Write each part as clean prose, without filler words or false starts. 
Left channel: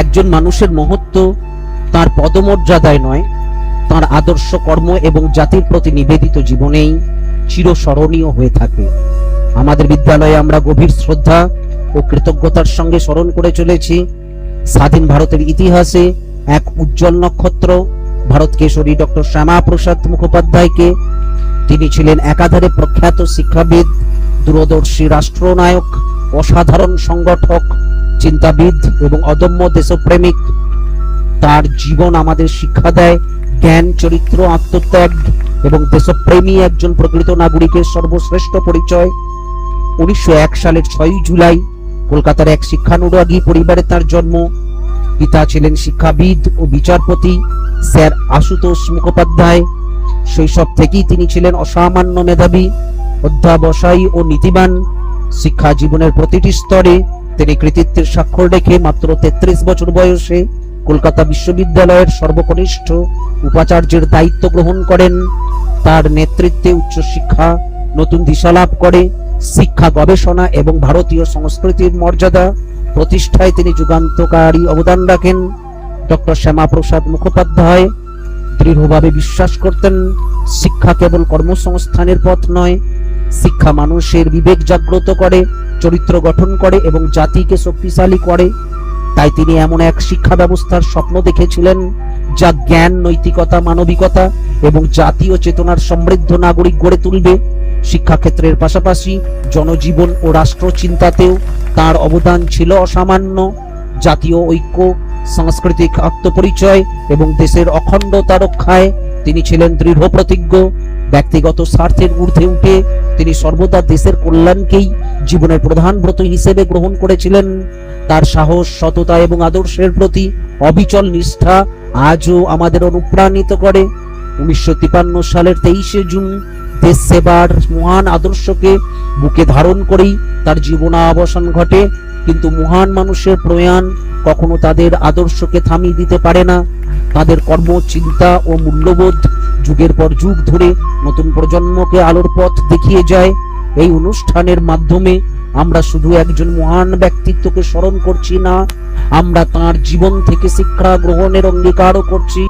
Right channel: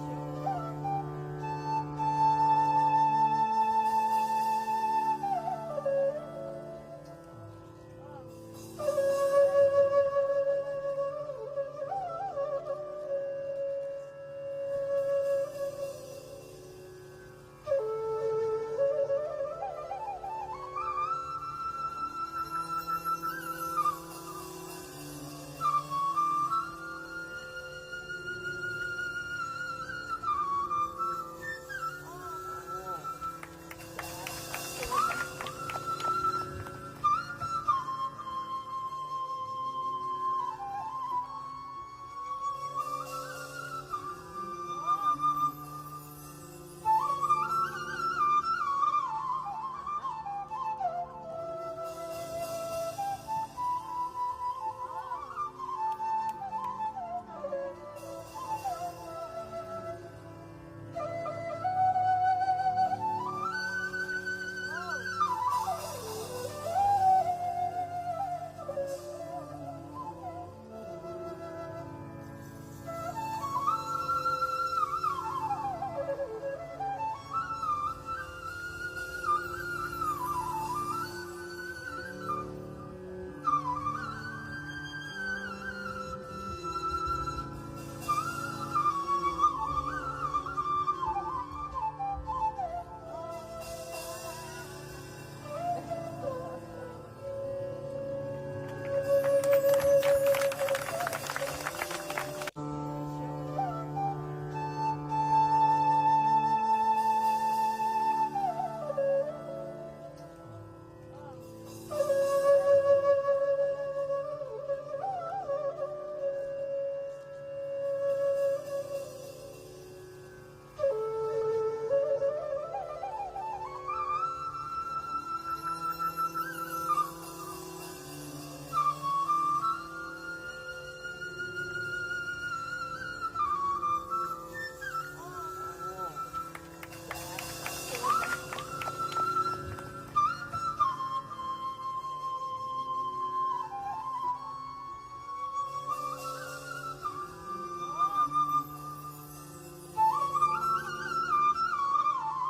একজন মানুষের মহত্ব তার পদমর্যাদায় নয়, তার আদর্শ কর্ম এবং জাতির প্রতি নিবেদিত জীবনেই চিরস্মরণীয় হয়ে থাকে। আমাদের বিদ্যালয়ে আমরা গভীর শ্রদ্ধা ও কৃতজ্ঞতার সঙ্গে স্মরণ করে চলেছি স্বাধীন ভারতের ইতিহাসে এক উজ্জ্বল নক্ষত্র ভারত কেশরী ডক্টর শ্যামাপ্রসাদ মুখোপাধ্যায়কে। তিনি ছিলেন একাধারে প্রখ্যাত শিক্ষাবিদ, দূরদর্শী রাষ্ট্রনায়ক, অসাধারণ সংগঠক, চিন্তাবিদ এবং অদম্য দেশপ্রেমিক। তার জীবন আমাদের শিক্ষা দেয় জ্ঞান, চরিত্র, আত্মত্যাগ এবং দেশপ্রেমী একজন প্রকৃত নাগরিকের সর্বশ্রেষ্ঠ পরিচয়। 1901 সালের 6 জুলাই কলকাতার এক শিক্ষানুরাগী পরিবারে তার জন্ম। পিতা ছিলেন শিক্ষাবিদ ও বিচারপতি স্যার আশুতোষ মুখোপাধ্যায়। শৈশব থেকেই তিনি ছিলেন অসামান্য মেধাবী, অধ্যাবসায়ী ও নীতিবান। শিক্ষা জীবনের প্রতিটি স্তরে তিনি কৃতিত্বের স্বাক্ষর রেখে মাত্র 33 বছর বয়সে কলকাতা বিশ্ববিদ্যালয়ের সর্বকনিষ্ঠ উপাচার্যের দায়িত্ব গ্রহণ করেন। তার নেতৃত্বে উচ্চশিক্ষা নতুন দিশা লাভ করে। শিক্ষা গবেষণা এবং ভারতীয় সংস্কৃতির মর্যাদা প্রতিষ্ঠায় তিনি যুগান্তকারী অবদান রাখেন। ডক্টর শ্যামাপ্রসাদ মুখোপাধ্যায় দৃঢ়ভাবে বিশ্বাস করতেন শিক্ষা কেবল কর্মসংস্থানের পথ নয়, শিক্ষা মানুষের বিবেক জাগ্রত করে, চরিত্র গঠন করে এবং জাতিকে শক্তিশালী করে। তাই তিনি এমন এক শিক্ষা ব্যবস্থার স্বপ্ন দেখেছিলেন যা জ্ঞান, নৈতিকতা, মানবিকতা এবং জাতীয় চেতনার সমৃদ্ধ নাগরিক গড়ে তুলবে। শিক্ষাক্ষেত্রের পাশাপাশি জনজীবন ও রাষ্ট্র চিন্তাতেও তার অবদান ছিল অসামান্য। জাতীয় ঐক্য, সাংস্কৃতিক আত্মপরিচয় এবং দেশের অখণ্ডতা রক্ষায় তিনি ছিলেন দৃঢ় প্রতিজ্ঞ। ব্যক্তিগত স্বার্থের ঊর্ধ্বে উঠে তিনি সর্বদা দেশের কল্যাণকেই জীবনের প্রধান ব্রত হিসেবে গ্রহণ করেছিলেন। তার সাহস, সততা এবং আদর্শের প্রতি অবিচল নিষ্ঠা আজও আমাদের অনুপ্রাণিত করে। 1953 সালের 23 জুন দেশ সেবার মহান আদর্শকে বুকে ধারণ করেই তার জীবনাবসান ঘটে। কিন্তু মহান মানুষের প্রয়াণ কখনো তাদের আদর্শকে থামিয়ে দিতে পারে না। তাদের কর্ম, চিন্তা ও মূল্যবোধ যুগের পর যুগ ধরে নতুন প্রজন্মকে আলোর পথ দেখিয়ে যায়। এই অনুষ্ঠানের মাধ্যমে আমরা শুধু একজন মহান ব্যক্তিত্বকে স্মরণ করছি না, আমরা তার জীবন থেকে শিক্ষা গ্রহণের অঙ্গীকারও করছি।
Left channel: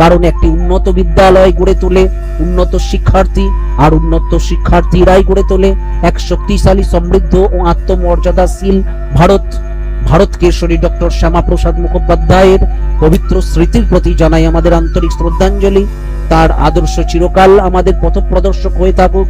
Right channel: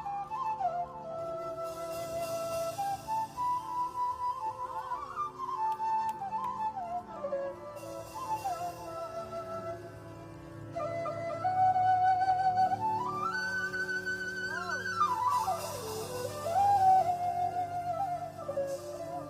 কারণ একটি উন্নত বিদ্যালয় গড়ে তোলে উন্নত শিক্ষার্থী, আর উন্নত শিক্ষার্থীরাই গড়ে তোলে এক শক্তিশালী, সমৃদ্ধ ও আত্মমর্যাদাশীল ভারত। ভারত কেশরী ডক্টর শ্যামাপ্রসাদ মুখোপাধ্যায়ের পবিত্র স্মৃতির প্রতি জানাই আমাদের আন্তরিক শ্রদ্ধাঞ্জলি। তার আদর্শ চিরকাল আমাদের পথপ্রদর্শক হয়ে থাকুক।